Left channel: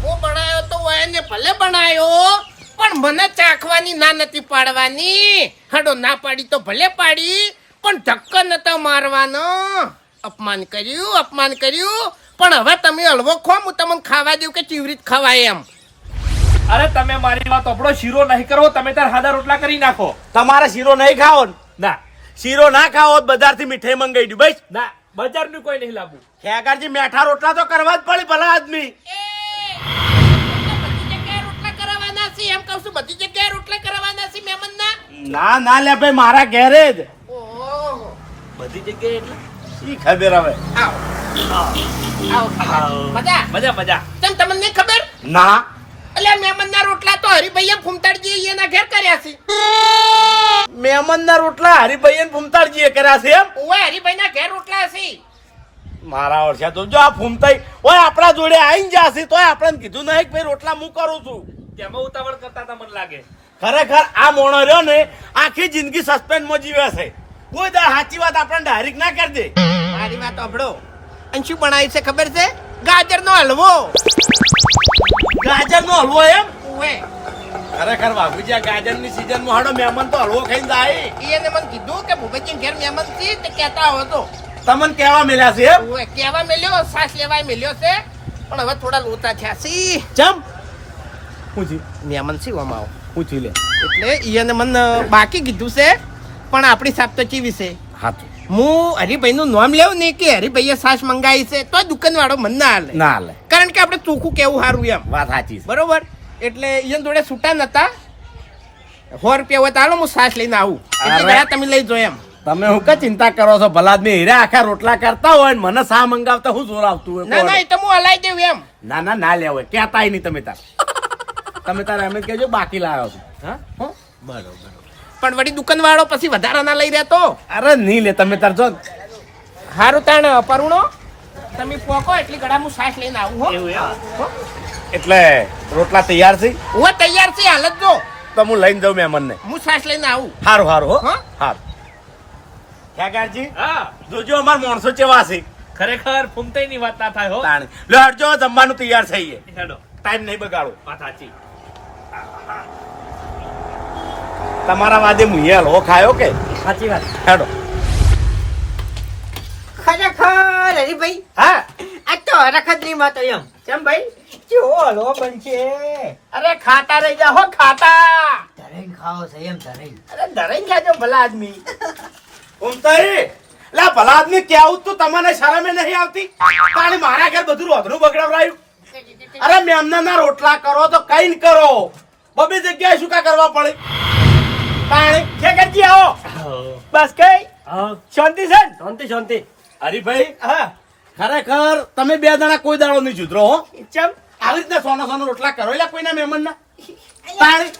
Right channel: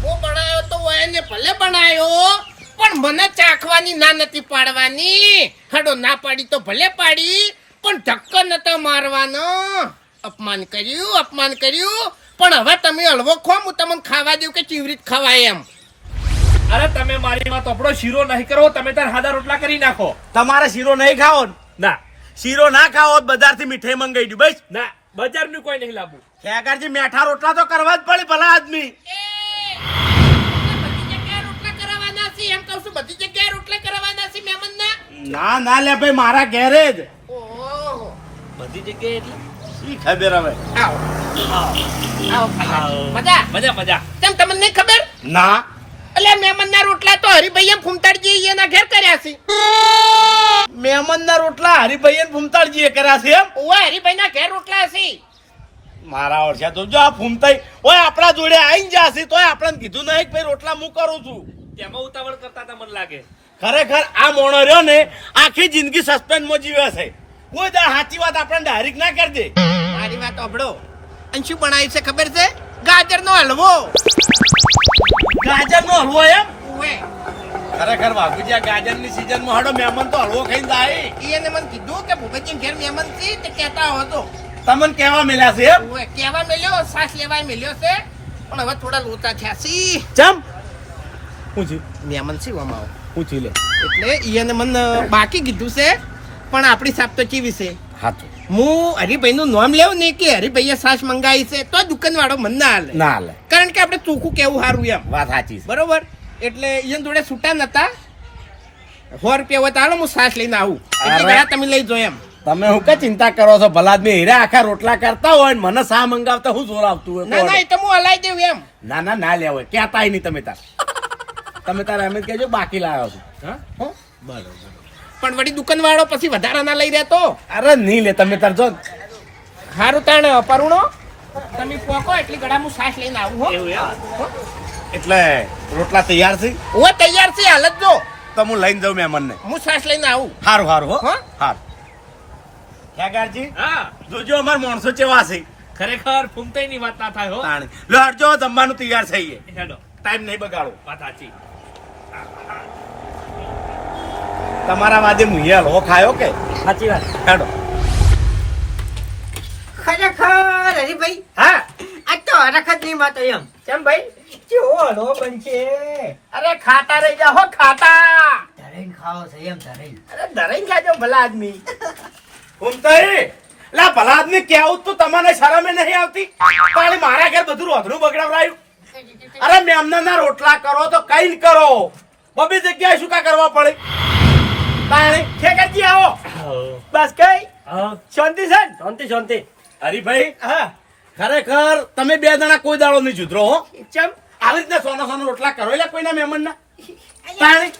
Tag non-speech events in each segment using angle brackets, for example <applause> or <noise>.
હલવો બનાવ્યો તો એને ભલે બનાવ્યો પણ મને ચાખવાની ના નથી પાડવાની. હડો ના પાડી તો ભલે પાડી પણ ધક્કો નતો મારવાનો. અપમાન કર્યું અપમાન કર્યું. પણ હવે તમે હલવો ખો હું તમને ખાવા દઉં કે ચીવરી જ ખવાય એમ. અરે તમે મારી વાત આપણો શીરો નહીં કરો તમે તાર હાદા રોટલા કરી નાખો. તમારે શીરો નહીં ખાવો ના? શીરો ના ખાવો તો બજારથી મીઠાઈ મંગાવી દઉં ભાઈ ના બજારનું કોઈ નહીં લાવવું ખેગારજી મેઠા રોટલા તો કરવા જ પડે ભલા આદમી. છે એમ કહું છું બધી જગ્યાએ રોટલા કરવાના છે મહેમાનના? ના ના લે ભાઈ મારા ઘેરે જ. ઓહો. બધી જગ્યાએ એટલે? શી ખબર હવે. આવો. આવો ખાવા મજા? મજા મજા. કેમ તમને ખબર? ના. એટલે મહેમાનના રોટલા તો હરિભાઈએ ફૂમતાડજી એના ઘેર કર્યા છે. મહેમાનના રોટલા હરિભાઈ ફૂમતાળજીએ કર્યા છે એમ? ઓય હરિભાઈના ઘેર રોટલા છે. મારા વર્ષે તો જો આ ફૂમતાઈ ઓય આપણા જોડે આવીને જશે તોય આપણને કીધું નહીં કે ભાઈ રોટલા હું કરું છું. તેમાં ઉતાવળ કરતા હતા મને લાગે. ખરેખર આ મોણો રહ્યો ને આખી જિંદગી સસ્પેન્સમાં જીવે છે. કોઈ દા સાચી વાત આપણને ડાયરેક્ટ ના કરી દે. મારી વાત અભડો અને શું બનાવ્યું છે ખબર છે? ગાજરનો હલવો. ગાજરનો હલવો એમ? ઓય ખરેખર બાપુજી આ ગાજરની સિઝનમાં હડો મહેમાન તો હલવો ખાઈને જાય. એને મને કીધું કે ભૂપતજી ઘેર મહેમાનથી તે કહેતા હતો તમને કેવા મળ્યા છે એમ? મળ્યો શ્વાસ મેલ્યો સાસ લેવાય મેલ્યો છે. પણ હવે થોડા લોચા થયા છે. ચમ? પૂછ્યું મહેમાન છે આમાં આવો? પૂછી લે. એટલે એને મને બાકી કીધું છે પણ આપણી સાપ તો કેવી છે? હાચું. હું હરિભાઈનું નામ લેવું ને કે હરિભાઈએ સાસ મંગાવી છે તો દુકાન વાળો મને ના હાલે. ના લે કારણ કે આપણે ચોખ્ખું કેવું સારું એમ. વાત સાચી છે. બરોબર? એટલે એને જોડે છૂટા નતા. સો રૂપિયા હોય તો હું સાસ લઈને આવું. એટલે તમે લઈ જો એમ. તમે હું કે ચિંતા કરો છો? ભલાદમી હીરા આખા રોટલા કરતા હોય ને મને સા મંગાવતા હું જોર આવતું હોય ના ના એ તો હું હલાઈ દેવું એમ. ના ના ના લેવું કહેતા નહીં તમે તાર. તમે તારા એમ જ કહેજો બાકી લાવ્યો છું. હા? હો? બરોબર પણ વળી દુકાન વાળો પછી વધારા ના લઈ રહેતો? અરે નહીં લે તમે તાર જો. હારું તાણ પરુણો તમે પોકો એટલી ગળા હું સાસ લઈને આવું હો. એવું એમ? હો? એટલે રોટલા તૈયાર છે? હું તૈયાર છે હાલત જો તો હું લઈને જાઉં મહેમાનને. હું સાસ લઈને આવું. હારું હારું હો. હા? હારું. કાકાજી હા. જોજો અમાર માણસો ચેવા છે. ખરેખર ફૂમતાઈ ની વાત ના થાય હો. લો હટજો જમવાનું તૈયાર થઈ હેડો. ટાઈમ નહીં બગાડો. વાત સાચી. તમારા વાજે મુએ લો ખાયો કે? સાચી વાત. હેડો. ખરેખર હરીભાઈ હા. આ તો હરખતની વાત એમ. કેમ ભાઈ? કેવો લો બનશે? અરે ખાતા રહી જા હો ખાતા ધરેન ખાવો છે એમ ધરેન. અરે ધરેન ખાજો ભલા આદમી. ઉમતાઈ લા ભલા આદમી કેવું તો? તમને શરમે નહીં આવતી? પણ મારા ઘર બધું રોધરું બગડાવરાયું અરે મેમના ના રોટલા કરો તો કઈ કરો. બબી જગ્યાએ શું કા કરવા પડે? તાણી ખેકરજી આવો. બસ કઈ? શાંતિ છે? શાંતિ શાંતિ. હરીભાઈ હા. ખરેખર તમે બે જણા કોઈ દાડો નહીં જુદરો હો. ચમ? આવી રીતના સોનો સોનો રોટલા કરો એટલે કોઈના મહેમાન ના પાણી?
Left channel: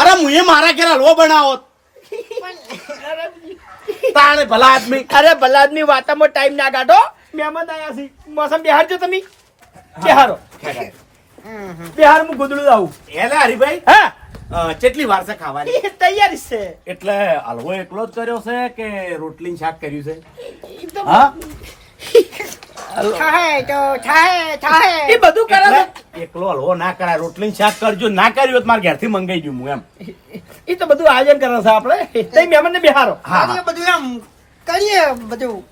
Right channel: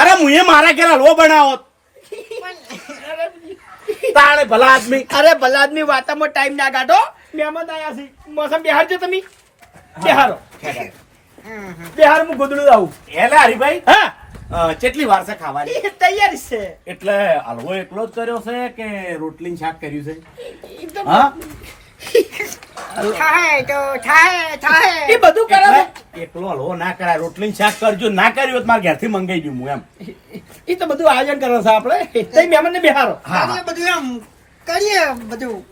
અરે મુએ મારા ઘેર હલવો બનાવો. તાણે ભલા આદમી. અરે ભલા આદમી વાતામાં ટાઈમ ના કાઢો. મહેમાન આયા છે. મોસમ બિહારજો તમે. બિહારો. બિહાર હું ગોદડું આવું એટલે હરીભાઈ હા. કેટલી વાર છે ખાવાની? તૈયારી છે. એટલે હલવો એકલો જ કર્યો છે કે રોટલી શાક કર્યું છે? હા? થાય તો થાય થાય એ બધું કરે એટલે એકલો હલવો ના કરાય. રોટલી શાક કરજો ના કર્યું મારા ઘેરથી મંગાઈ ગયું હું એમ. એ તો બધું આયોજન કરે છે આપણે. તે મહેમાન ને બિહારો હા. બધું એમ કરીએ બધું.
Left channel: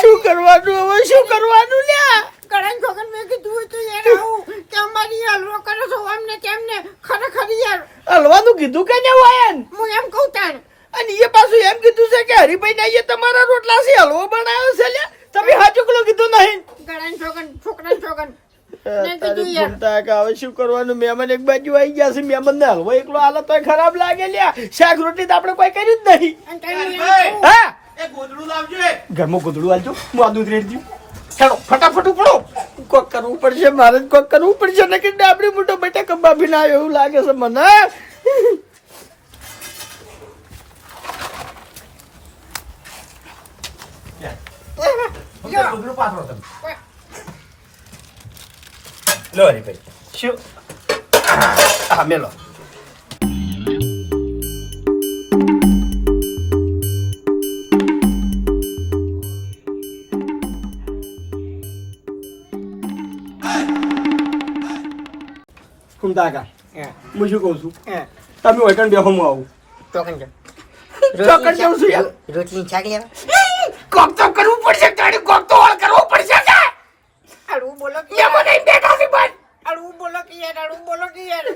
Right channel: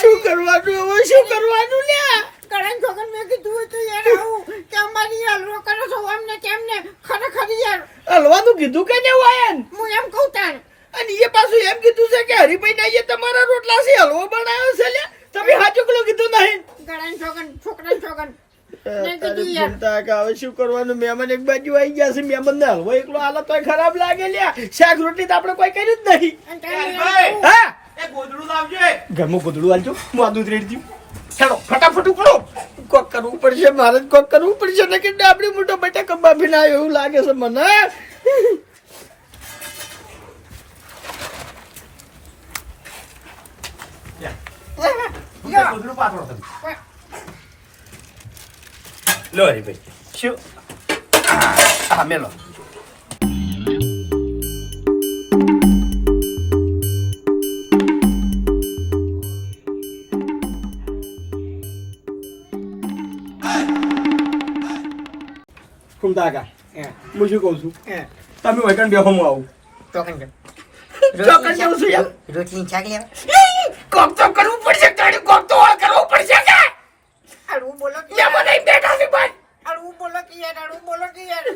શું કરવાનું? હવે શું કરવાનું લ્યા કરણ છોકન મેં કીધું હતું યાર આવું કે અમારી હલવો કરો છો અમને કેમને ખરેખર યાર હલવાનું કીધું કે ને વાયન હું એમ કહું તાણ. અને એ પાછું એમ કીધું છે કે હરિભાઈ ના તમારા રોટલા છે હલવો બનાવ્યો છે લે તમે હાચુકલો કીધું નહીં. છોકન છોકરા છોકન મેં કીધું યાર. ઘૂમતા કે હવે શું કરવાનું? મહેમાન એક બાજુ આવી ગયા છે મહેમાન ને હલવો એકલો હાલત તો ખરાબ લાગે લ્યા. શાક રોટલી તો આપણે કોઈ કરી જ નહીં. હા એ ગોદડું લાવજે. ઘરમાં ગોદડું હાલજો હું આ દૂધ રેડ ચાલો ફટાફટ ઉપડો. કોક કરવું પડશે મારે કોક કરવું પડશે ને કે ડાબડી મોટો બટાકા બાફી ના આવ્યો એવું લાગે છે મને. 로 빠져라. 러리 베. 쇼. 하면은 Cum daga. હું. શું કહું છું? હે. તમે હોય બેહો હું આવું. ચોકન જાઓ. ચોકન જેવું છું યાર. રોટલી લેવા. કોક તો કરવું પડશે તારી કોક તો હળ કરવું પડશે કે? અડવું બોલો કે મેં મને બેઠા છે બસ અડવું બોલો કે યાર અડવું બોલો કે યાર.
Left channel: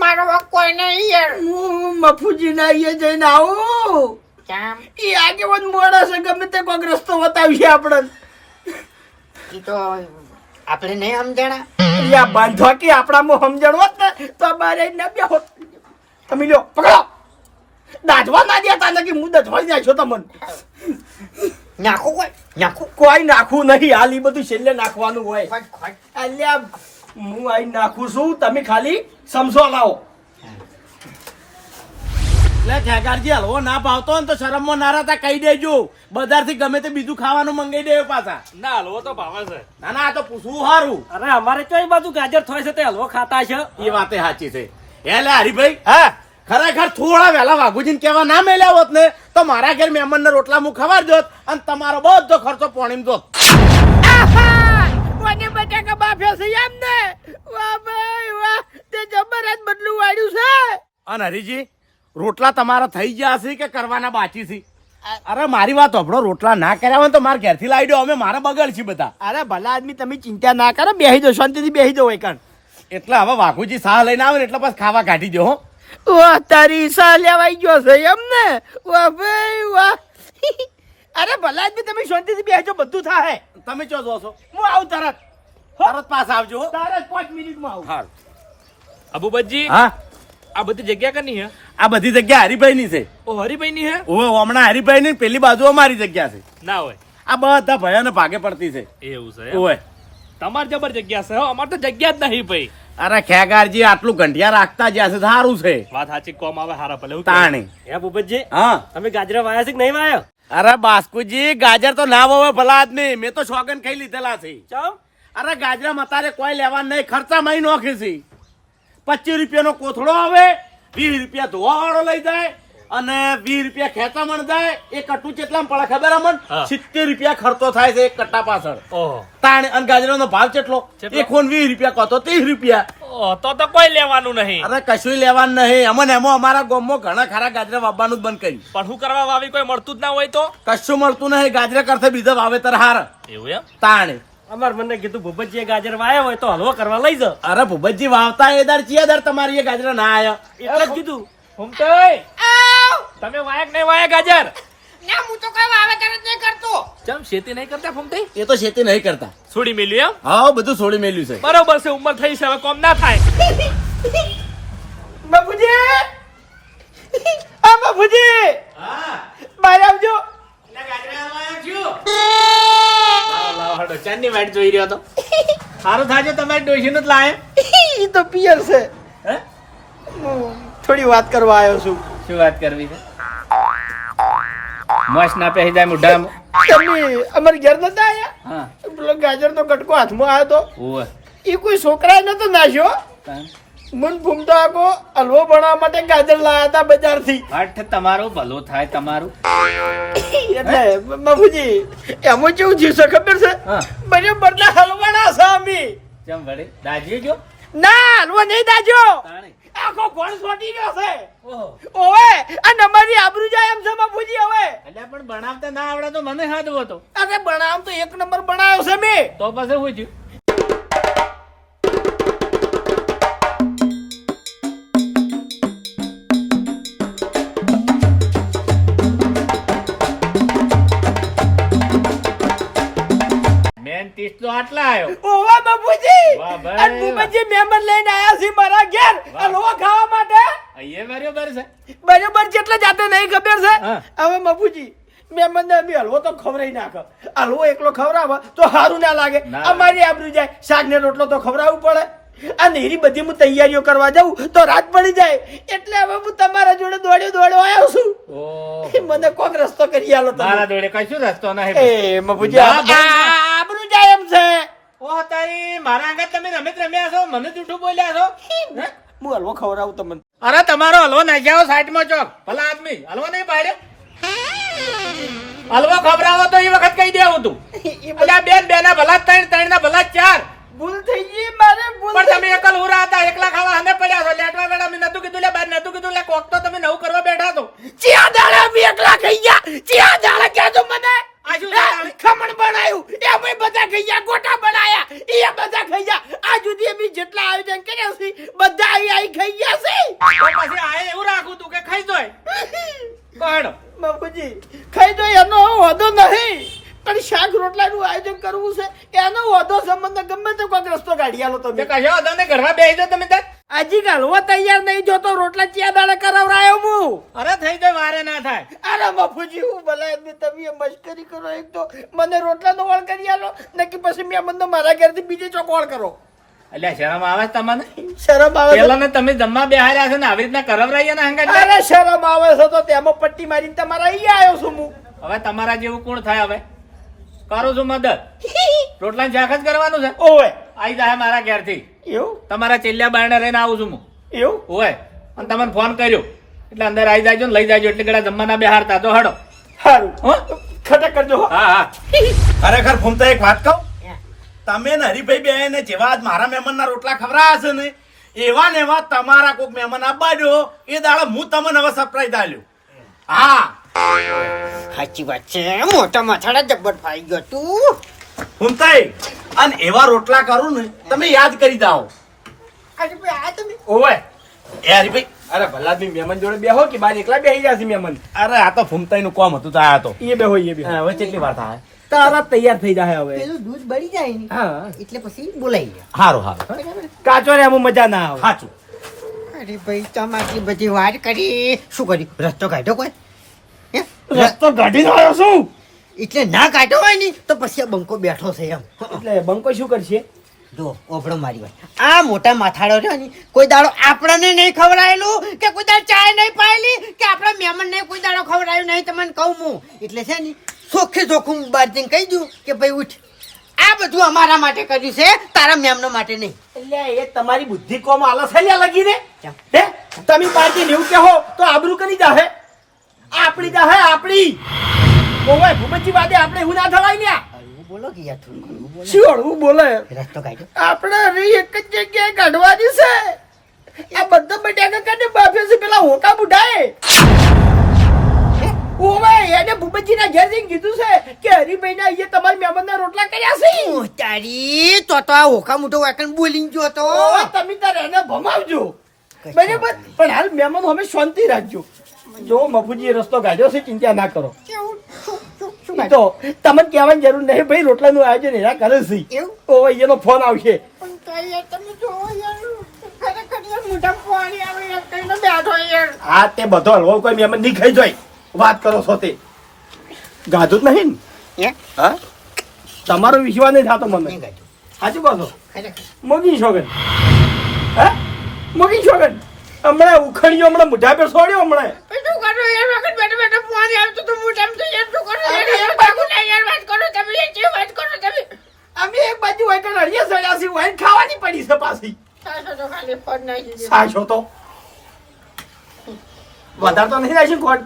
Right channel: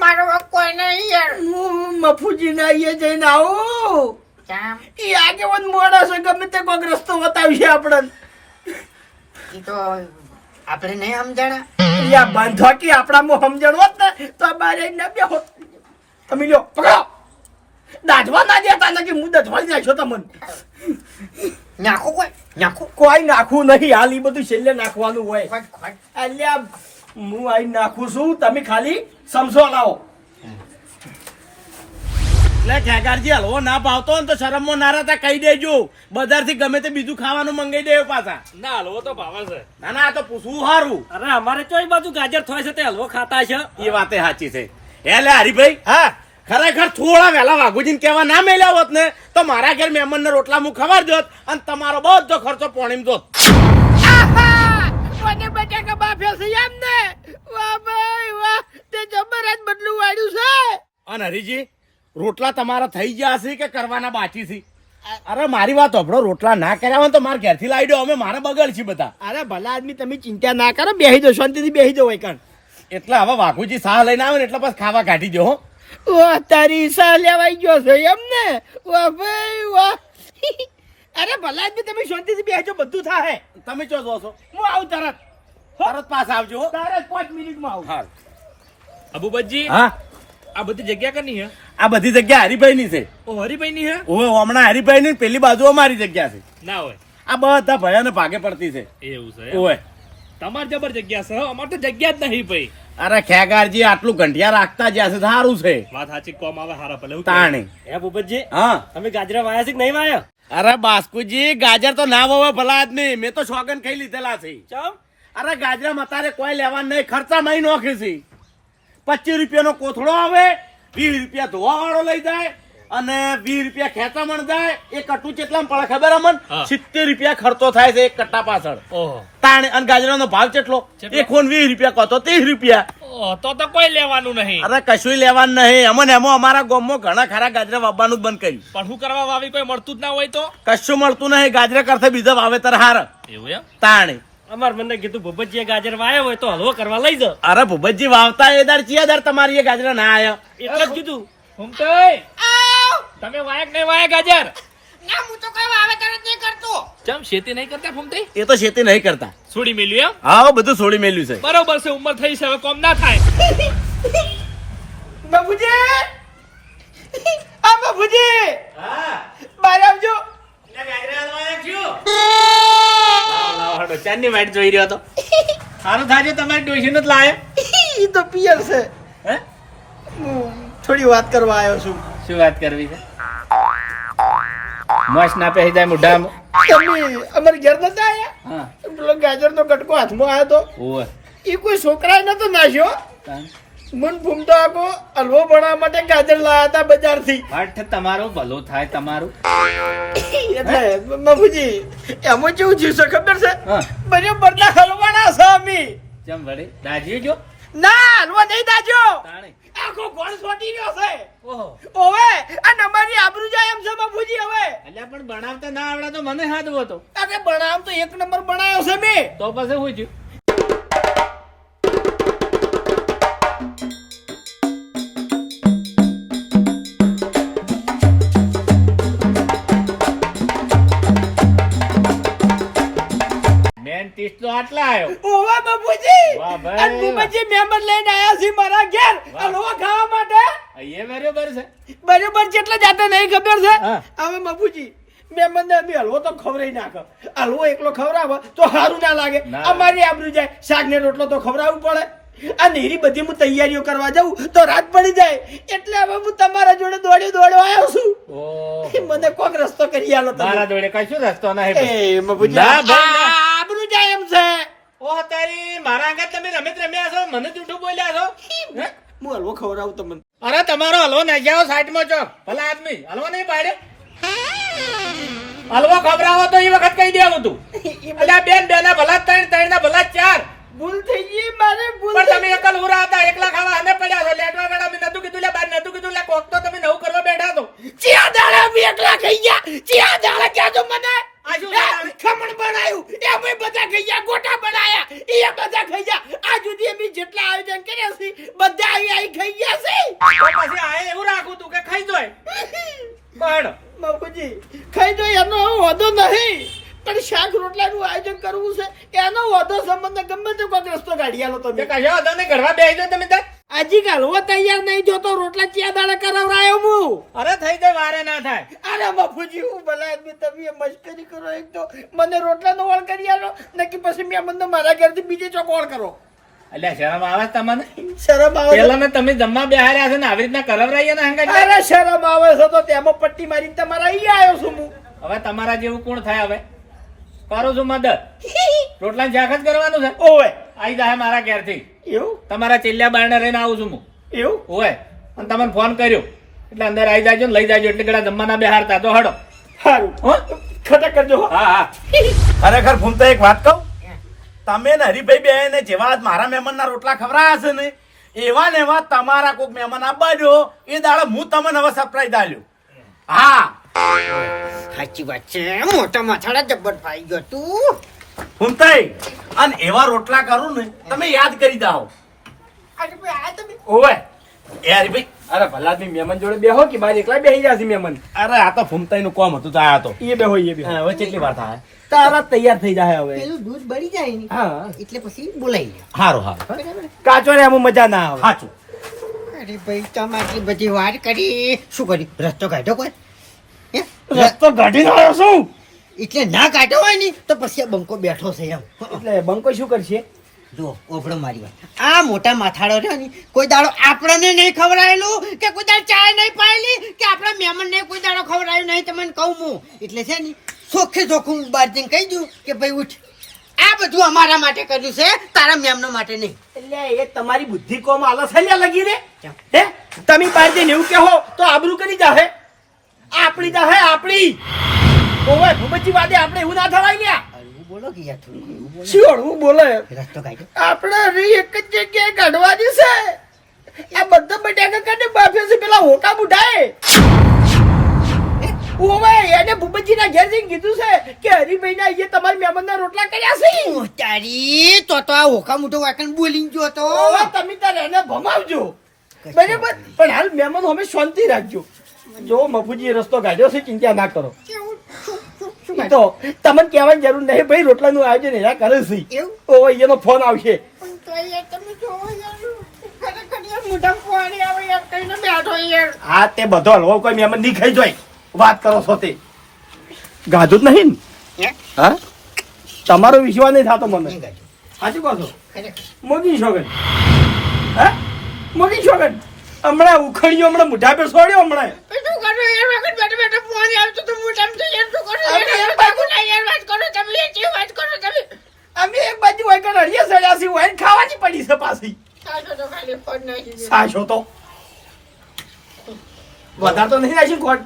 મારો વાંક કોઈ નહીં યાર. હું મફુજી ના અહીંયા જઈને આવું. કેમ એ આગેવાન મોડા છે ગમે તે કોઈક રસ્તો બતાવશે આપણને. ઈ તો આપણે નહીં સમજાણા? યા બાંધવા કે આપણામાં સમજણ હોત ને તો બારે ને બે હોત તમે લ્યો પકડો. દાઢવા ના દેતા નથી હું દધવાળી નાખ્યો તમને. નાખો કોઈ? નાખો? કોઈ નાખવું નહીં. હાલ બધું છેલ્લે નાખવાનું હોય. અલ્યા હું આઈ નાખું છું. તમે ખાલી સમજો લાવો. એટલે ઠેકારજી હલવો ના ભાવતો ને તો શરમમાં નારા તા કહી દેજો. બજારથી ગમે તે બીજું ખાવાનું મંગાઈ દે પાછા. ના હલવો તો ભાવે છે. ના ના આ તો પૂછવું સારું અરે અમારે તો એ બાજુ ગાજર થાય છે તે હલવો ખાતા છે. એ વાતે સાચી છે. એ હરિભાઈ હા ખરેખર થોડા વહેલા વાઘુજીને કહેવા ના મેલ્યા હોત ને તો મારા ઘેર મહેમાનને રોટલા હું ખબર જોત અને તમારો બધો ખર્ચો પોણીમ જોત કોને બટાકા બાફ્યા છે એમ ને વાહ ભાઈ વાહ તે જબરજસ્ત બદલું વાળ્યું છે. અને હરીજી રોટલા તમારા થઈ ગયા છે કે કરવાના બાકી છે? અરે મારી વાત આપણો રોટલા ના કર્યા હોય ને તો મારા ઘેરથી લાવી દો અમે મારા બગડ છે બધા. અરે ભલા આદમી તમે ચિંતા ના કરો બેહી દો શાંતિથી બેહી દો એકણ એટલે હવે વાઘુજી સાહ લઈને આવે ને એટલે બસ ખાવા કાઢી દો હો. વાહ તારી સાહ લેવાઈ ગયો છે એમ ને? વાહ ભાઈ વાહ. અરે ભલા આદમી તમે શાંતિથી બેસજો બધું થાય તમે ચો જો છો? હું આવું તરત. તરત પાસ આવજો હો. તરત પાંચ મિનિટમાં આવું. હાલ અબુબજી હા? આ બધી જગ્યા કની હે? આ બધી જગ્યા હરીભાઈની છે. ઓ હરિભાઈ ની હે? ઓવે હમણાં હરિભાઈ ની પેલી બાજુ અમારી જગ્યા છે. ના હોય. આ બધા ભયા ને ભાગે પડતી છે. એવું છે? ઓવે. તમાર જબર જગ્યા છે હો? અમાર તો જગ્યા જ નહીં ભાઈ. અરે ખેગારજી આટલું ઘંટિયા રાખતા જ્યાં છે સારું છે. વાત સાચી કોમ આવે હારા ભલે તાણી. તાણે હે ભૂપતજી? હા. તમે ગાજરા વાયા છે કે નહીં વાયા? અરે બાસ્કુજી ગાજર તો ના વવે ભલા આદમી. મેં તો શોગન ખાઈ લીધેલા છે. ચમ? અરે ગાજરા મતારે કોઈ લેવા નહીં. ખર્ચા મહી નોખી છે. પચીસ રૂપિયાનો કોથળો આવે વીસ રૂપિયા ધોવા વાળો લઈ જાય અને વીસ રૂપિયા ખેંચામણ જાય. એ કટું કેટલા પડે ખબર અમન? સિત્તેર રૂપિયા ખર્ચો થાય છે એક કટ્ટા પાછળ. તાણે અને ગાજરાનો ભાવ કેટલો એ ખોન વીસ રૂપિયા કહો તો ત્રીસ રૂપિયા. તો તો કોઈ લેવાનું નહીં. અરે કશું લેવાનું નહીં. અમને એમાં અમારા ગામમાં ઘણા ખરા ગાજરા વાવવાનું બંધ કર્યું. પણ શું કરવા વાવી? કોઈ મળતું જ ના હોય તો? કશું મળતું નહીં. ગાજરા કરતા બીજા વાવેતર હાર. એવું એમ? તાણે. અમાર મને કીધું ભૂપતજીએ ગાજર વાયા હોય તો હલવો કરવા લઈ જાવ અરે ભૂપતજી વાવતા એ દર ચિયા દર તમારી એ ગાજર ના આયો. એટલે જ કીધું. ફૂમતાઈ, તમે વાયક નહીં વાયા ગાજર? ના હું તો કામ આવે તરત નહીં કરતો. ચમ શેતી નહીં કરતા ફૂમતાઈ? એ તો ખેતી નહીં કરતા. છોડી મેલ્યું એમ? હા બધું છોડી મેલ્યું છે. બરોબર છે ઉંમર થઈ છે હવે કોમ ના થાય. બાપુજી! આ બાપુજી! બહાર આવજો. ચાંદની વાટ જોઈ રહ્યો તો. સારું થાજો તમારી ડોશી નું જ લાયો. ઈ તો પિયર છે. હે? થોડી વાત કરવા આવ્યો છું. શું વાત કરવી છે? મસ્ત ના પહેરી જાય મોઢામાં તમે અમારી ઘર નતા આયા? હા. પેલો ગાજરનો કટકો હાથમાં આવ્યો તો. એ કોઈ છોકરાએ નતો નાખ્યો મન ભૂમતો આખો હલવો બનાવવા માટે ગાજર લાયા હતા બજારથી. હઠ તમારો ભલો થાય તમારું. એટલે બાપુજી એમાં કેવું જીવશે ખબર છે? હા. બરાબર ના હલવાના છે અમે. ચમ વડે દાજી જો ના હલવો નહીં દાજો આખો ભણ સોટી ગયો છે. ઓહો. ઓવે અને અમારી આબરૂ જાય એમ છે બાપુજી હવે. એટલે પણ બનાવતા ના આવડે તો મને હાથ હતો. અરે બનાવ તો એક નંબર બનાવ્યો છે મેં. તો પછી હું આટલા આવ્યો ઓવા બાપુજી વાહ ભાઈ, અને મહેમાન લઈને આયા છે મારા ઘેર. હલવો ખાવા માટે? અહીંયા બરોબર છે. બરોબર જેટલા જાતે નહીં ખબર છે. હવે બાપુજી મહેમાન ને અમે હલવો તો ખવરાઈ નાખો. હલવો એકલો ખવરાવે તો સારું ના લાગે. અમારી આબરૂ જાય શાક ને રોટલો તો ખવડાવવું પડે. આ નેરી બધી હું તૈયારીઓ કરવા જાઉં તો રાત પડી જાય. એટલે હવે હું તમારા જોડે દોડ્યો દોડ્યો આવ્યો છું. મને કોક રસ્તો કરી આલો તમારા જોડે કશું રસ્તો નહીં. એ મબુજી છે? ઓ તારી મારા આગળ તમે રમત રમ્યા છો મને જૂઠું બોલ્યા છો? હું? હલવો ખવડાવું તમને. અરે તમારો હલવો નાખી જાઓ સાઈડમાં ચોક ભલા આદમી હલવો નહીં પાડે હલવો ખવડાવો તો એ વખત કહી દેવું તું. એટલે બેન બે ના ભલા ત્રણ ત્રણ ના ભલા ચાર. ભૂલ થઈ ગઈ મારે ભૂલ પણ તમે એકલ ઉરા હતા એકલા ખાવા અમે પડ્યા છો. લેટવા બેડા મેં નતું કીધું લે બાર નતું કીધું લે કોક તો તમે નવું કરવા બેઠા તો ચિયા દાડા અમે એકલા ખાઈ ગયા. ચિયા દાડા કહેજો મને? ખમણ બનાવ્યું એ ભાઈ બધા ખાઈ ગયા ગોટા બનાયા. એ બધા ખાઈ ગયા. આ જુદી અમે જેટલા આયોજન કર્યા છે બધા આવી આવી ખાઈ ગયા છે. પછી આ એવું રાખું તું કે ખાઈ જોય. પણ બાપુજી ખાઈ તો એનો વાંધો નહીં. પણ શાક રોટલાનું આયોજન કરવું છે એનો વાંધો સંબંધ ગમે તે કોઈ રસ્તો કાઢી આલો તે તમે કશો વાંધો નહીં ઘરમાં બેસી જાઓ તમે તાર હજી ગાલવો તૈયાર નહીં જોતો રોટલા ચિયા દાડા કરાવરાયો હું અરે થઈ જાય વારે ના થાય. અરે બાપુજી હું ભલે એમની તમે મશ્કરી કરો એક તો મને રોટલાનો ઓળ કરી આલો નક્કી પછી મેં મને મારા ઘરથી બીજે ચોક ઓળ કરો. એટલે શરમ આવે તમને? શરમ આવે. પેલા ને તમે જમવા બેહાર્યા છો ને આવી રીતના કરાવરાઈએ ને હંગા અરે શરમ આવે છો તો તેમાં પટ્ટી મારીને તમારા અહીંયા આવ્યો છું હું. હવે તમારા જેવું કોણ થાય હવે? કરું છું મદદ. રોટલા જાખ જ કરવાનું છે? ઓવે. આવી જાય મારા ઘેરથી. એવું? તમારા ચેલ્લા બારણે રહીને આવું છું હું. એવું? હોય અને તમને ફોન કર્યો. એટલે અંદર આવી જાજો ને લઈ જાજો એટલે ગળા જમવાના બેહારતા તો હડો. સારું હો? ખટક કરજો હા. હા ખરેખર ફૂમતા એક વાત કહું. તમે ને હરિભાઈ બે ને જેવા આજ મારા મહેમાનના રોટલા ખવડાયા છે ને એવા ને એવા તમારા કોઈક મહેમાન આપવા દો એ દાડે હું તમને હવે સરપ્રાઈઝ આલ્યો. હા. સાચી વાત છે. મોટા માથાડા જબ્બર ફાઈ ગયો તું. ફૂમતાઈ અને એવા રોટલા કરું ને તમે યાદ કરી દાઓ અરે ભાઈ આ તમે ઓવે. યાર ભાઈ અરે ભલા બી મહેમાન જોડે બેહો કે બાર એકલા બેહી જશે મહેમાન અરે આ તો ફૂમતાઈ નું કોમ હતું આ તો. એ બેહો એ બેહો. હવે કેટલી વાર થાય? તારા તૈયાર થઈ જાય હવે. પેલું દૂધ બળી જાય ને હા. એટલે પછી બોલાઈ ગયા. સારું સારું કાચો રે આમાં મજા ના આવે. સાચું અરે ભાઈ તમારી બધી વાત કરી. શું કર્યું? રસ્તો કાઢ્યો કોઈ? હે? રસ્તો કાઢીને આવ્યો છું. એટલે ના કાઢ્યો હોય ને તો પછી આ બંકો બેઠો છે એમ. એટલે બંકો શું કરશે? જો ઓભળો મારી વાત. આ મોટા માથાડો રહ્યો ને કોઈ દાડો આપણને નહીં ખવડાયેલું કે કોઈ દાડો ચાય નહીં પાયેલી કે આપણા મહેમાનને કોઈ દાડો ખવડાયું નહીં તમને કહું હું. એટલે છે ને ચોખ્ખે ચોખ્ખું બહાર જઈને કહી દઉં કે ભાઈ ઉઠ. આ બધું અમારા માટે કર્યું છે તારા મેમનો માટે નહીં. એટલે એ તમારી બુદ્ધિ કોમ આલસ હલ્યા લગી રે? હે? તમે પાર્ટી એવું કહો તો આબરૂ કરી જાહે આપણી જાહે આપણી. ઓવે ભૂપતજી વાદે આપણે એવું ના થવાય ને. હળવું બોલો કે યાર થોડું હળવું બોલો. બોલે? રસ્તો કાઢ્યો આપણે રી એક જ જગ્યાએ કાઢવાની છે આ બધા બટાકા કાઢે બાફે છે પેલા હોકા બુઢાએ. ઓવે એને ભૂપતજીના ઘેર જઈને કીધું છે કે હરિભાઈના અહીંયા તમારા મહેમાનના રોટલા કર્યા છે. તારી તો તો આ હોકા મોટો વાકણ ગયો તો તમે તારે એને ભમાવજો. બરાબર? પણ હાલ મહેમાન અમે શાંતિ રાખજો. જો મફુજી રસ્તો કાઢ્યો છે ચિંતા ના કરો. તો તમને કહેવાની જરૂર નહીં ભાઈ રોટલાનું આયોજન એના કરે છે? ઓવે એનો ફોન આવશે. હા તે બધો હલવો કોઈ મહેમાન નહીં ખાઈ જોઈ વાત કરો છો તે. ગાધું જ નહીં ને? હા? તમારો વિશ્વાસ નહીં થતો મને. સાચું કહો. મોગી શોગન હા? મોગી છોગન હમણાં ઉખડ્યો હમણાં મોઢા પે સોડ્યો હમણાં શું કરો યાર વખત બેઠો બેઠો ફોન આવતું તો મોઢા તો યાર શું કરો? યાર? યાર ના યાર વાત કરો તમે યાર જે વાત કરો તમે? અમે એક બાજુ હોય કે સડ્યા છે હોય ખાવાની પડી છે પાછી. સાચો તો વધારે તો નહીં નાખી કોટ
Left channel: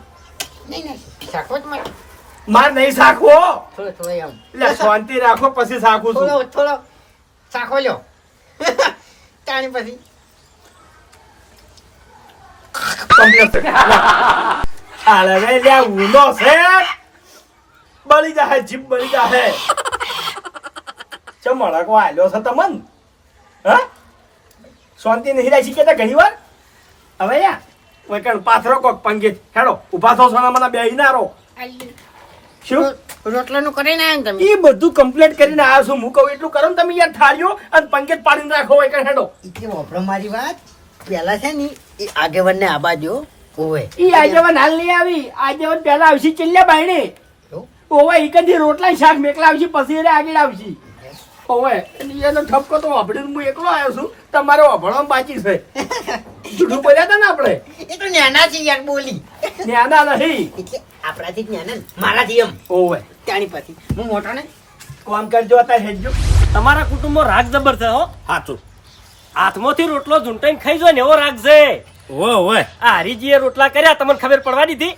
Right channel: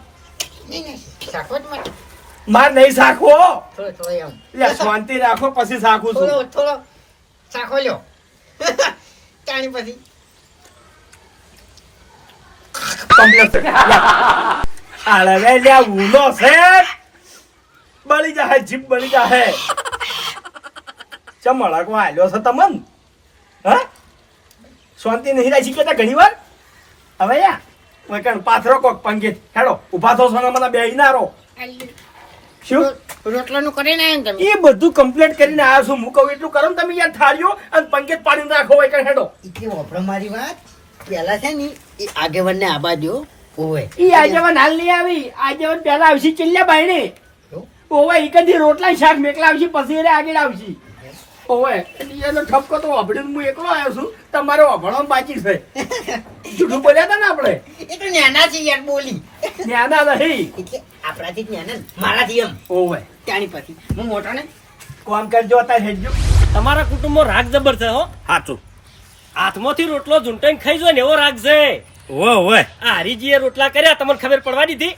માર. નહીં સાખવો એટલે શાંતિ રાખો પછી સાખું છું. થોડો થોડો સાખો લ્યો. <laughs> તાણી પછી. આલે ગઈ લે આ ઊંધો છે. બળી જાહે જીભ બળી જાહે. ચમ મળકો આલ્યો છે તમન? હા? શાંતિ નહીં રાખી કેતા ઘણી વાર હવે યા વૈકણ પાથરો કોક પંગે હેડો ઊભા થો સોના મને બેહી ના રો શું રોટલાનું કરીને આવ્યા ને તમે? એ બધું કમ્પ્લીટ કરીને આવ્યો છું. હું કહું એટલું કરો ને તમે યાર થાળીઓ અને પંકેત પાડીને રાખો એક હેડો. એટલે વાપરો મારી વાત? પેલા છે ને એ આગેવાનને આબા દો ઓવે. ઈ આજેવન હાલ નહીં આવી. આજેવન પહેલા આવશે ચિલ્લા બાયણે? ઓવે ઈકનથી રોટલા શાક મેકલા આવશે પછી એને આગળ આવશે. ઓવે એનો ઠપકો તો વાપરીને હું એકલો આવ્યો છું. તમારે અભણો બાકી છે. <laughs> જૂઠું બોલ્યા હતા ને આપણે? એ તો નાના છે યાર બોલી. નાના નહીં. એટલે આપણાથી જ નાના મારાથી એમ. ઓવે. ત્યાંની પછી. હું મોટો ને કોમ કરજો અત્યારે હેડજો. તમારા કુટુંબમાં રાગ જબર છે હો? સાચું હાથમાંથી રોટલો ઝૂંટાઈને ખાઈ જો ને એવો રાખજે. છે ઓય ઓવે. આ હરીજીએ રોટલા કર્યા તમને ખબર પડવા દીધી?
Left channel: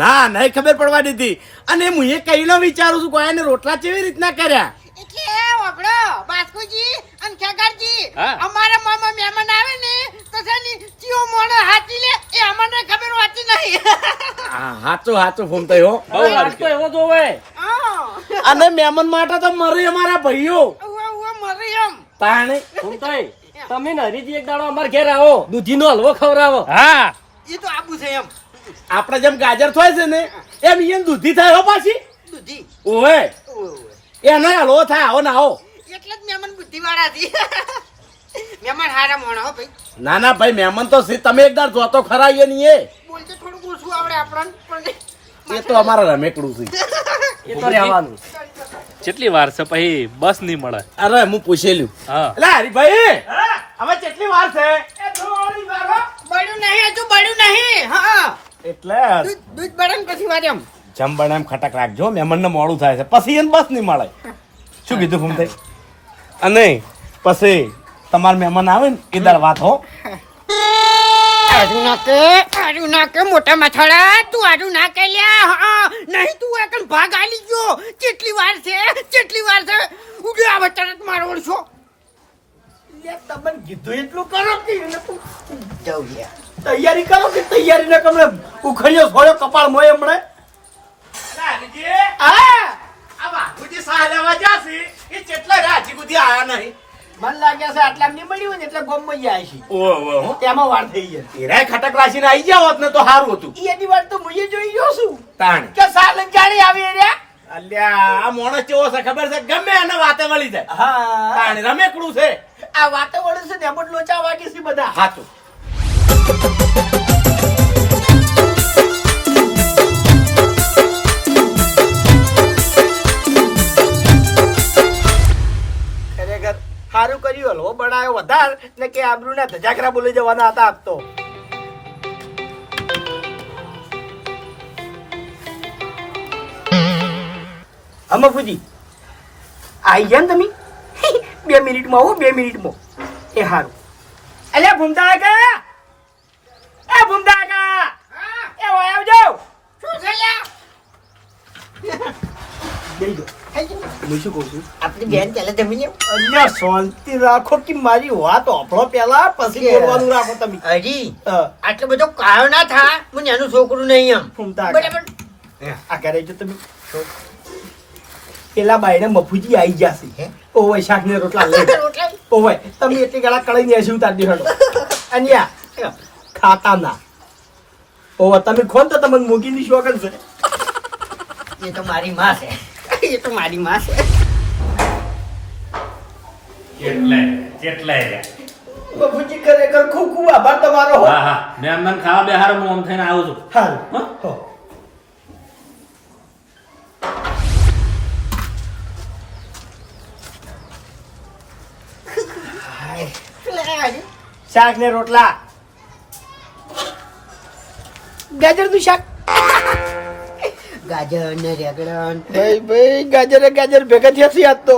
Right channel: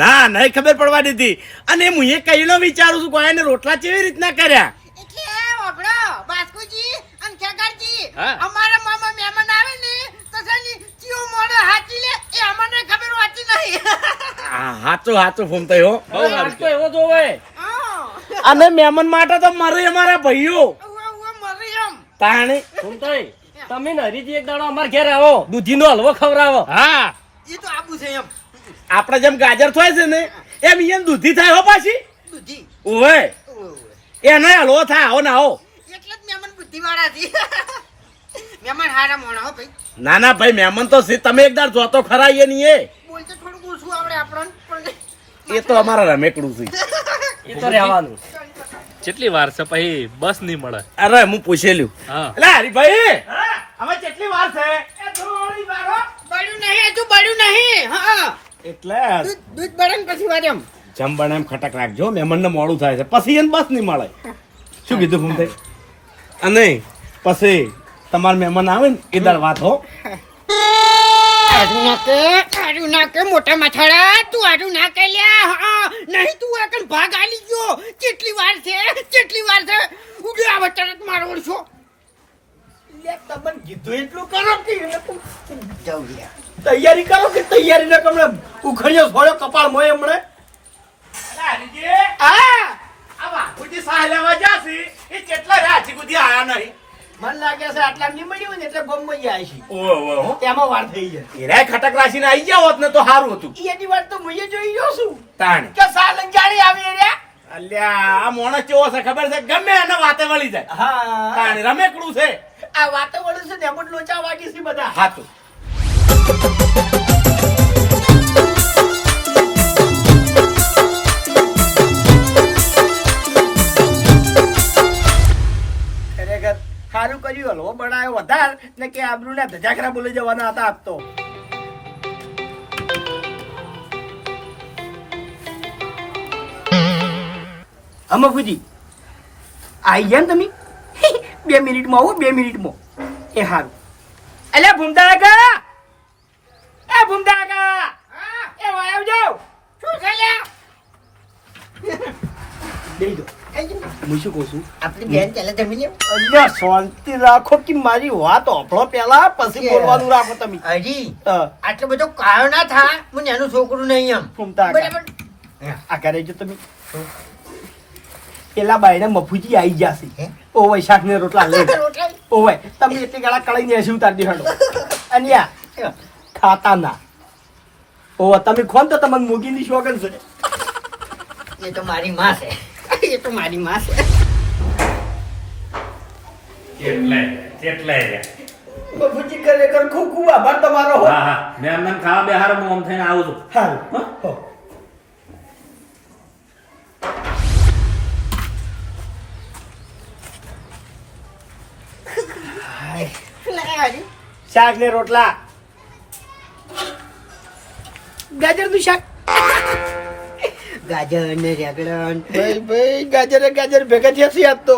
ના નહીં ખબર પડવા દીધી. અને હું એ કહીનો વિચારું છું કે એને રોટલા કેવી રીતના કર્યા? એટલે વાપરો બાસ્કુજી અને હા. અમારા મામા મહેમાન આવે ને તો છે ચિયો મોણો હાચી લે એ અમને ખબર હોતી નહીં. હા હાચું હાચું ફૂમતાઈ હો. બહુ લાગતો એવો જોવે અને મહેમાન માટે તો મરે અમારા ભાઈઓ. મરી એમ. તાણે? તમે ને હરીજી એક દાડો અમાર ઘેર આવો દૂધીનો હલવો ખવડાવો. હા. એ તો આબુ છે એમ. આપણે જેમ ગાજર થાય છે ને એમ ઈયન દૂધી થાય હો પાછી. દૂધી. ઓવે. એને હલવો થાય આવો ના આવો. એટલે જ મહેમાન બુદ્ધિવાળા છે. મહેમાન હારા મોણા હો ભાઈ. ના ના ભાઈ મહેમાન તો તમે તમે એકદાર જોતો ખરા એ નહીં એ. બોલતો થોડું ઓછું આવડે આપણને. એ તો અમારા રમેકડું છે. એ તો રહેવાનું. કેટલી વાર છે પછી બસ નહીં મળે? અરે હું પૂછેલું હા. એટલે હરીભાઈ હવે કેટલી વાર છે? બળ્યું નહીં હજુ બળ્યું નહીં. હા એટલે? દૂધ બળે પછી વાર એમ. જમ બને એમ ખટક રાખજો મહેમાન ને મોડું થાય છે. પછી એને બસ નહીં મળે. શું કીધું ફૂમતાઈ અને પછી તમારા મહેમાન આવે ને એ દર વાત હો. આડું ના કે આડું ના કે મોટા માથાડા તું આડું ના કે લ્યા હા નહીં તું એકન ભાગ આલી ગયો. કેટલી વાર છે કેટલી વાર છે? ઉડ્યો આવે તરત મારો ઓળશો. લે, તમને કીધું એટલું કરો કે એને લ્યા તૈયારી કરો કે તૈયારી ને તમે ઉખડ્યો છોડ્યો કપાળ મોય હમણે. મન લાગે છે આટલા નહીં મળ્યું ને એટલે ગોમમાં જાય છે. તેમાં વાર થઈ જાય એરાય ખટક રાશીને આવી ગયા હોત ને તો સારું હતું. એની વાત તો મુએ જોઈ ગયો છું. તાણ. કે સાલન જાણી આવી રહ્યા? અલ્યા આ મોણસ કેવો છે ખબર છે? ગમે એને વાતે વળી જાય. હા. તાણ રમેકડું છે. આ વાતે વળી છે ને એમ લોચા વાગી છે બધા. હાચું સારું કર્યું હલવો બનાવ્યો વધાર ને કે આબરૂ ને ધજાકરા બોલી જવાના હતા આપતો તો. આવી આઈ ગયા ને તમે? <laughs> બે મિનિટમાં આવો બે મિનિટમાં. એ સારું અલ્યા ભૂમતા કા એ ભૂમતા કા એ આવજો. શું છે લ્યા દઈ હું મફુજી આવી જશે? ઓવય શાક ને રોટલા લઈ ઓવય તમે એટલી ગાળા કળી ને હસી ઉતારી દેહડો અન્યા ખાતા ના ઓવા, તમે ખોન તો તમને મૂકી શોગન છે એ તો મારી માં છે એ તો મારી માં છે. કેટલે કેટલે મફુજી ખરેખર ખૂબ ખૂબ આભાર તમારો હા. હા મેં અમને ખાવા બે હાર હું આમ થઈને આવું છું? હો. શાક ને રોટલા. ગાજરનું શાક. ગાજર ને રેગડન ભાઈ ભાઈ ગાજર ગાજર ભેગા થયા છે આજ તો.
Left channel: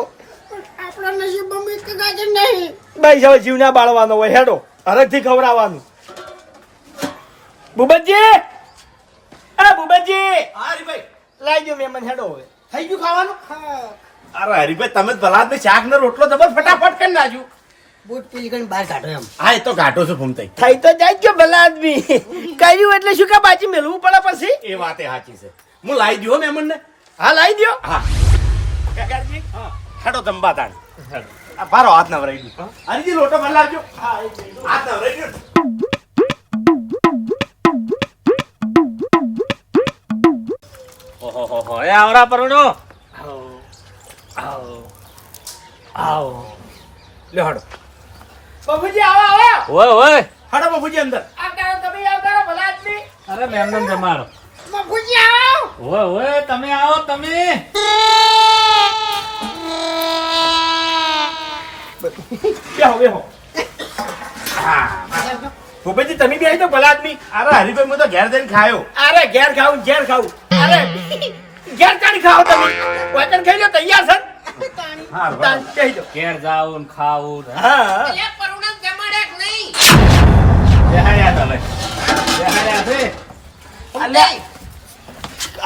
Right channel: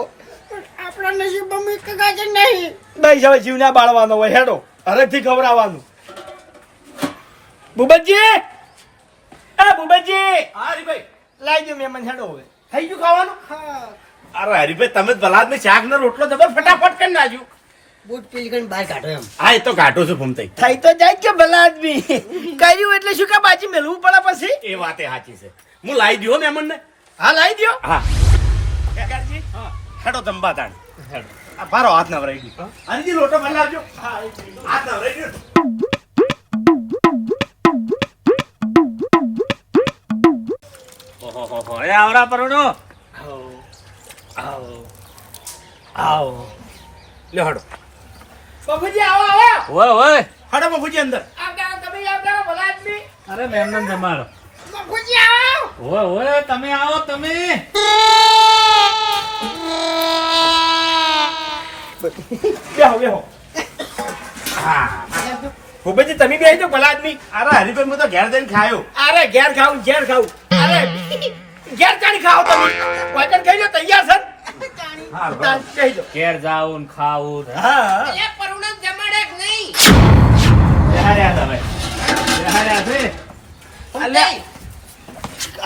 આપણા નસીબમાં એક ગાજર નહીં. ભાઈ હવે જીવના બાળવાનો હોય હેડો. હરખથી ખવડાવવાનું બુબજી આ બુબતજી લઈ જો મેમન હેડો હવે. થઈ ગયું ખાવાનું? અરે હરીભાઈ તમે ભલાદ ને શાક નો રોટલો જબર ફટાફટ કરી નાખ્યું બૂટ પીલકન બહાર કાઢો એમ. હા એ તો કાઢો છું ફૂમતાઈ ખાઈ તો જાય છે ભલા આદમી કર્યું એટલે શું કે બાજી મેલવું પડે પછી? એ વાતે સાચી છે. હું લાવી દઉં મહેમાન ને હા લાઈ દ્યો. હા. હેડો તંબા તાણ. આ બારો હાથ વરાઈ ગયો હરીજી લોટો બદલાવજો હાથ નવરાઈ ગયો ઓહો હો હો. એ આવડા પરણો આવો. લે હડો. બાબુજી આવો આવો. ઓય ઓય હડો બાબુજી અંદર. આવતારો તમે આવતારો ભલા આદમી. અરે મેમન જમાડો. મફુજી આવો. ઓય ઓય તમે આવો તમે. બેહો બેહો. ભૂપેજી તમે બી આવી ભલા આદમી. અરે હરીભાઈ હું તો ઘેર જઈને ખાયો. અરે ઘેર ખાવું ઘેર ખાવું અરે ઘેર કાઢી ખાઓ તમે. વચન ખાઈ લો તૈયાર સર. ઘેર જાવું ખાવું હા. અલ્યા પરુણા જમાડે નહીં. બેહાડ્યા તમે. બેહાડ્યા છે. અલ્યા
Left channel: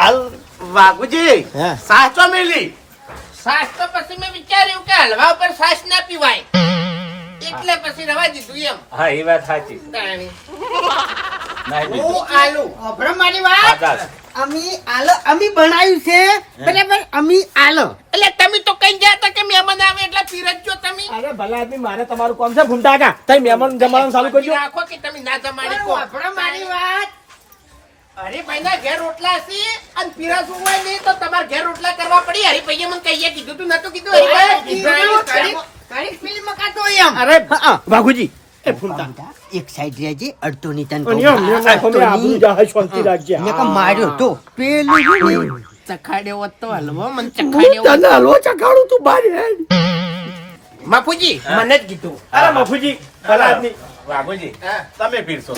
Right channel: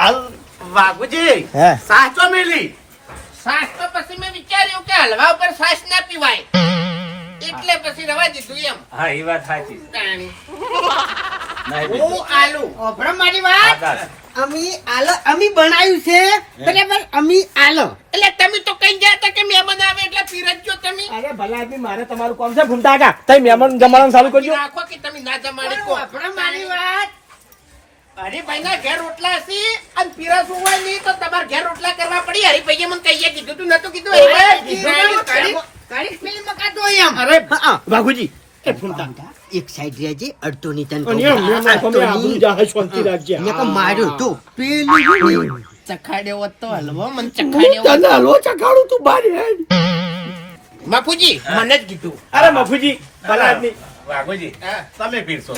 હાલ વાઘુજી હે? સાચો મેલી. સાસ તો પછી મેં વિચાર્યું કે હલવા ઉપર સાસ ના પીવાય. એટલે પછી રવા દીધું એમ. હા એ વાત સાચી. તાણી. નહીં દીધું. હું આલુ. અભરો મારી વાત? અમી આલો અમી બનાવ્યું છે? બરાબર અમી આલો. એટલે તમે તો કઈ ગયા હતા કે મહેમાન આવે એટલે પીરસજો તમે? અરે ભલા આદમી મારે તમારું કામ છે ભૂમતા કાકા તઈ મહેમાન જમાડવાનું ચાલુ કરજો. રાખો કે તમે ના જમાડી કો. મારી વાત. હરીભાઈ ના ઘેર રોટલા હશે અને પીરસવું હોય નહીં તો તમારે ઘેર રોટલા કરવા પડી. હરિભાઈએ મને કહીએ કીધું તું નતું કીધું. હરીભાઈ અરે બાગુજી એ ફૂલતા. એક સાઈડ રહેજે અડધો ની તન માર્યો તો પેલું ચખાડ્યો તો હલવો મને ચખાડ્યો તને હલવો ચખાડું તું બારી. બાપુજી મને જ કીધું. અરે બાપુજી ભલા આદમી. બાબુજી તમે પીરસો.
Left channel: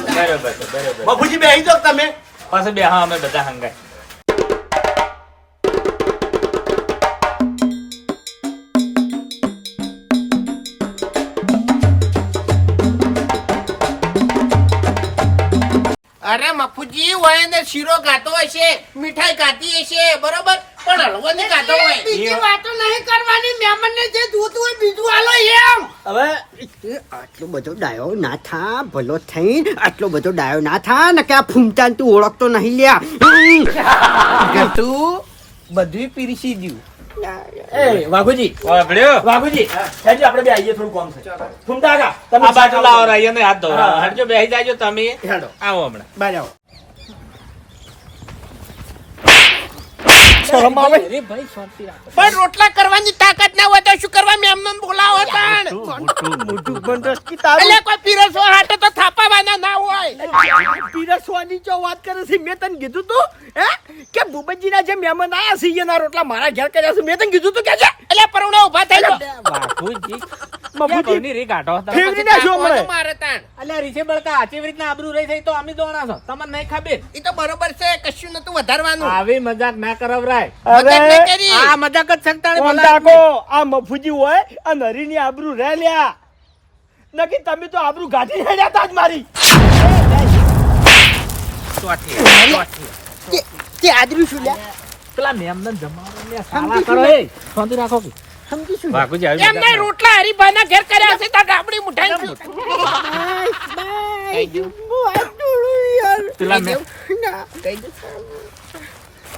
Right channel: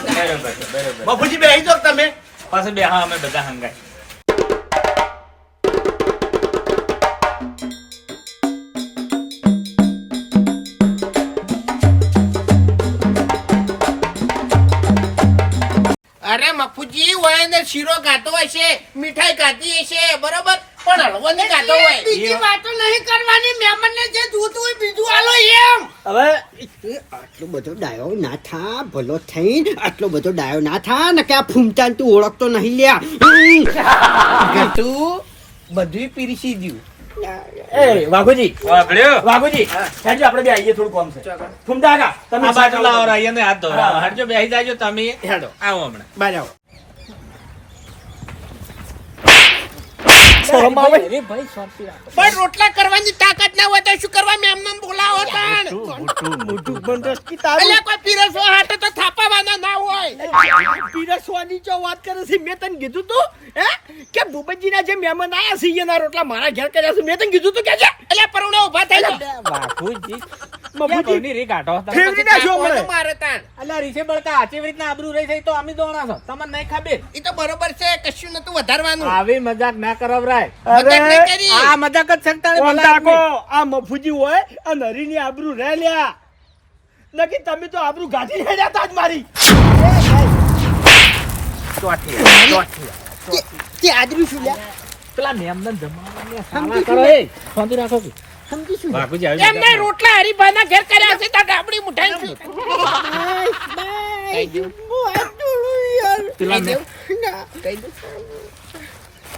બાબુજી બેહી જાઓ તમે. પાછું બે અમે બધા હંગાય. અરે મફુજી હોય ને શીરો ખાતો હશે, મીઠાઈ ખાતી હશે, બરોબર? પણ હલવો નહીં હોય. બીજી વાતો નહીં કરવાની. મહેમાનને જે જોતું હોય બીજું આલો એમ. હવે આટલો બધો ડાયો ના થા ભલો થઈ આટલો બધો ડાયો ના થા ને કે આ ફૂમતાન તું ઓળખતો નહીં લ્યા. તું બધું પીરસી દઉં એ વાઘુજી? વાઘુજી હેડજો આપણે બે આવીએ થોડું કામ છે. ભૂમતા તમે આ બાટલો લાવો રહીને હાથ ધો હા. હટજો બેસી જાજો તમે. હેડો. આવો હમણાં. બાર શરમ આવે? પણ રોટલા કરવાની તાકાત ના હોય તો શું કરવા મેમ બોલાવો તાણ મોટું બંધ રસકી તારું. એટલે કોઈ પીરસવા હાટે તો થાપાવાના ના હોય. પીરસવાની ચો વાત કરે છે મેં તને કીધું તું હે? કે ભૂપતજીના જે મહેમાન આયા છે એના રોટલા મારા ઘેર કર્યા છે મેં તને કીધું તું કે એટલે પરુણા ઊભા થઈ બાપુજી મફુજી રી કાઢો? તમે નાખ્યો તાકો તો મારે તાણ. અલ્યા રીસે બળકા આચી રીતના આબરૂ રહી થઈ તો અમે દોણા છો. તમને નહીં ખબર? ઈ તો બરોબર છે કશું નતું વધારવાનું. આવી મજાક ના કરાવરાય. મજાક નહીં કરી. આ મજાક જ સંતાડે ભલા આ મફુજી હોય આ નરીની આબરૂ રહે લ્યા. નકી તમે તો આબરૂ ગાંઠી હેડ્યા જ મારી. તે- આદમી શું લ્યા? પેલા મેમને સાલા કરો એ. શાંતિ રાખો કે. સમજી બાપુજી આવી એમને રોટલા હરીભાઈના ઘેર કર્યા છે તો ડાબડી મુઠાઈ છું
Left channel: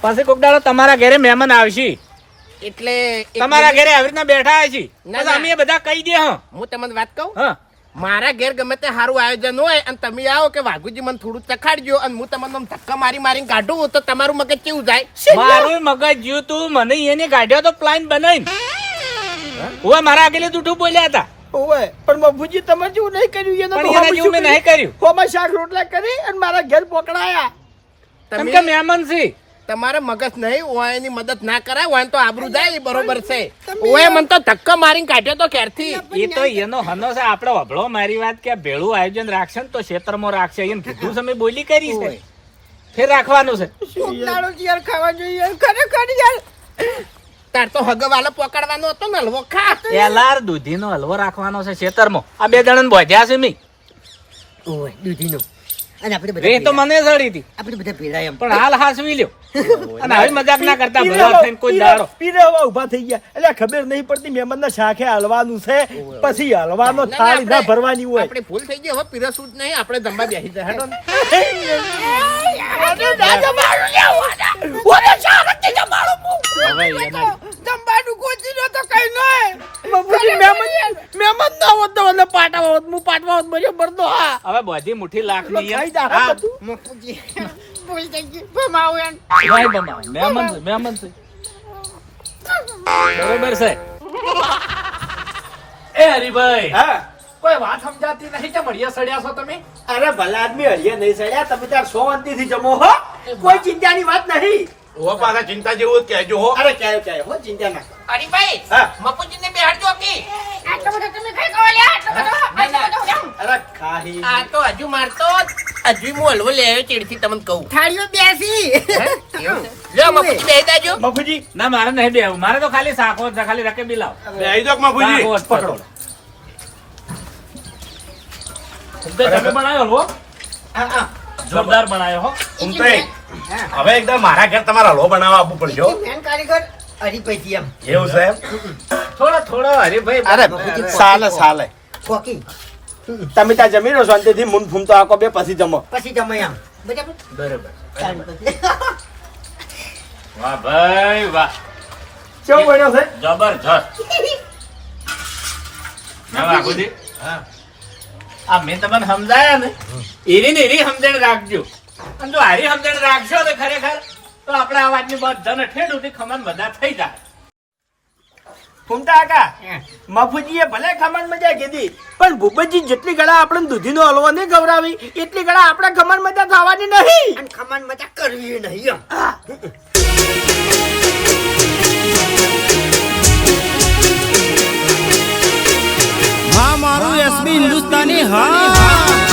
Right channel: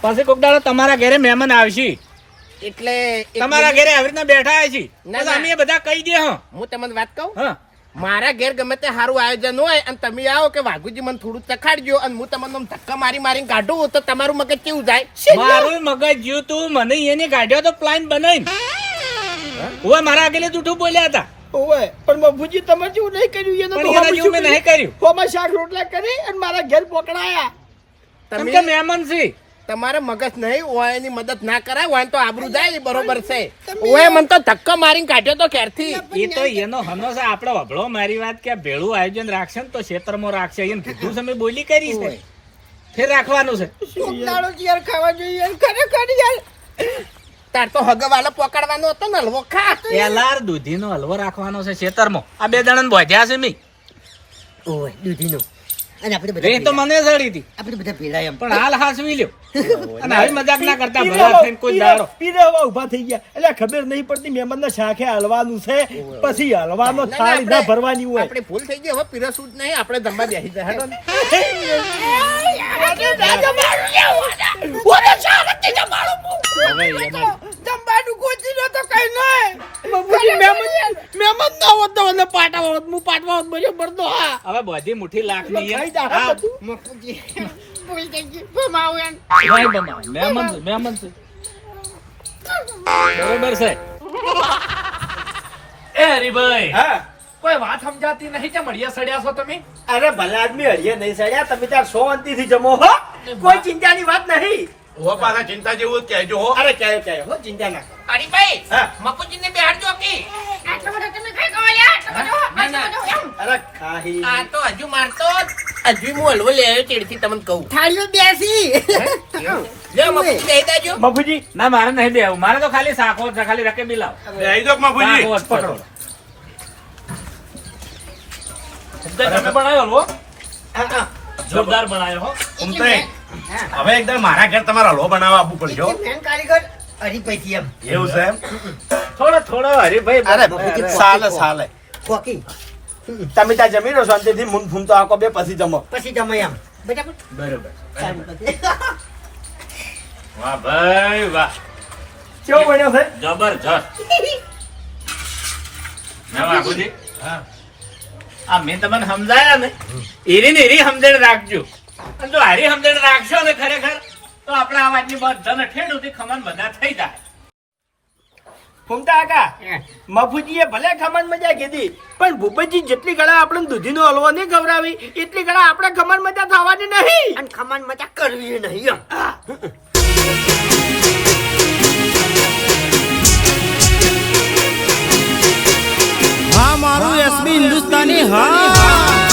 પછી કોક દાડો તમારા ઘરે મહેમાન આવશે. એટલે તમારા ઘરે આવી રીતના બેઠા છે. પછી અમે બધા કહી દે હા. હું તમને વાત કહું? હા. મારા ઘેર ગમે તે સારું આયોજન હોય અને તમે આવો કે વાઘુજી મને થોડું ચખાડજો અને હું તમને આમ ધક્કા મારી મારીને કાઢું તો તમારું મગજ કેવું જાય? મારું મગજ જ્યું તું મને એને કાઢ્યો તો પ્લાન બનાવીને. ઓય મારા આગળ જૂઠું બોલ્યા હતા. ઓય પણ બાપુજી તમે જેવું નહીં કર્યું? એનો તો એના જેવું મેં નહીં કર્યું. હોમાં શાક રોટલા કરી અને મારા ઘેર પકડાયા. તમે કે મહેમાન છે. તમારે મગજ નહીં હોય એની મદદ ના કરાય ઓય તો આબરૂ જાય બરોબર છે. ઓય મને તો ધક્કા મારીને કાઢ્યો તો ક્યારથી એ તો એનો હનો છે આપણો વભળો મારી વાત કે ભેળું આયોજન રાખશે ને તો ક્ષેત્રમાં રાખશે. એને કીધું સમય બોલી કરી છે. ફેર રાખવાનું છે. દાડો યાર ખાવા જોઈએ યાર? ખરેખર યાર. તાર તો હગવાલો પકડવાનો હતો ને હલવો ખા એલાર દૂધીનો હલવો રાખવાનો છે છેતરમાં આ બે જણા બોધ્યા છે મી. ઓય દૂધીનો. અને આપણે બધા એ તો મને સડી હતી. આપણે બધા ભેળા એમ. પણ હાલ હાસવી લ્યો. <laughs> અને હવે મજાક ના કરતા ભલા થઈને કોઈ પીરે દાડો. પીરે હવે ઊભા થઈ ગયા. એટલે ખબર નહીં પડતી મહેમાનના શાખે હલવાનું છે. પછી હલવાનો ના, ના, થાળી ના ભરવાની હોય. આપણે ભૂલ થઈ ગઈ હવે પીરસવું સૂટ નહીં આપણે ધંબા બેસી જાય. હેડો ને. <laughs> હવે એના જમવાનું ગોતી લો તો કઈ નહીં. મફુજી મહેમાન મહેમાન ના હોત તો મને પાટા હોત હું પાટવા હવે બધી મુઠ્ઠી લાખની એમ. બધું. ભૂલ થઈ ગઈ. ભમાવું એમ. નહીં બમાય. મહેમાન છે, મહેમાન છે. બરોબર છે. એ હરીભાઈ હા. કોઈ વાત સમજાતી નહીં કે મળીએ સડ્યા છો તમે? અરે ભલા આદમી હરિયા નહીં સડ્યા તમે તાર શાંતિથી જમો હો. કોઈ ચિંતાની વાત નહીં હો પાછા ચિંતા જેવું જ કહેજો હો. અરે ક્યાંય ક્યાંય હો ચિંતા ના કરો. હરીભાઈ હા. મફુજીને બેહાડજો કે. આટલો બધો તમે કઈ કહો લ્યા અરે ખાહી. આ તો હજુ મારતો હજુ હું હલવો લઈ આવ્યો ચીડથી તમને કહું. થાળીઓ બેસી. લ્યો મફુજી બેહી જાજો મફુજી ના મારે નહીં બેવું મારે તો ખાલી શાકો ખાલી રકે બિલાવ. બેહી જાઓ બાપુજી પકડો. તમે બનાવ્યો હલવો? જોરદાર બનાવ્યો હો. હવે એકદમ મારા ઘેર તમારે હલવો બનાવવા આપવું પડશે હો. મેન કારીગર હરીભાઈ એમ. એવું છે થોડો થોડો હરીભાઈ અરે સાલે સાલે. ખોકી તમે ત્યાં જમી લો શાંતિથી મૂન ફૂમતો આખો બે પછી જમો. પછી જમો એમ. બરાબર? બરોબર. વાહ ભાઈ વાહ. કેવો બન્યો છે? જબરજસ્ત. બાપુજી આ મેં તમને સમજાયા ને? એરી ને એરી સમજણ રાખજો. અને જો હારી સમજણ રાખશો ને ખરેખર તો આપણે આ વાતની બધાને ઠેડ સુધી ખમણ બધા થઈ જાય. ફૂમતા કાકા મફુજીએ ભલે ખમણ મજા કીધી પણ ભૂપતજી જેટલી ગળા આપણે દૂધીનો હલવો નહીં ખવડાવી એટલી ગળા આપણે ખમણ મજા ખાવાની નહીં. અને ખમાન મજા કરવી નહીં હા મારું એસબી હિન્દુસ્તાની હા.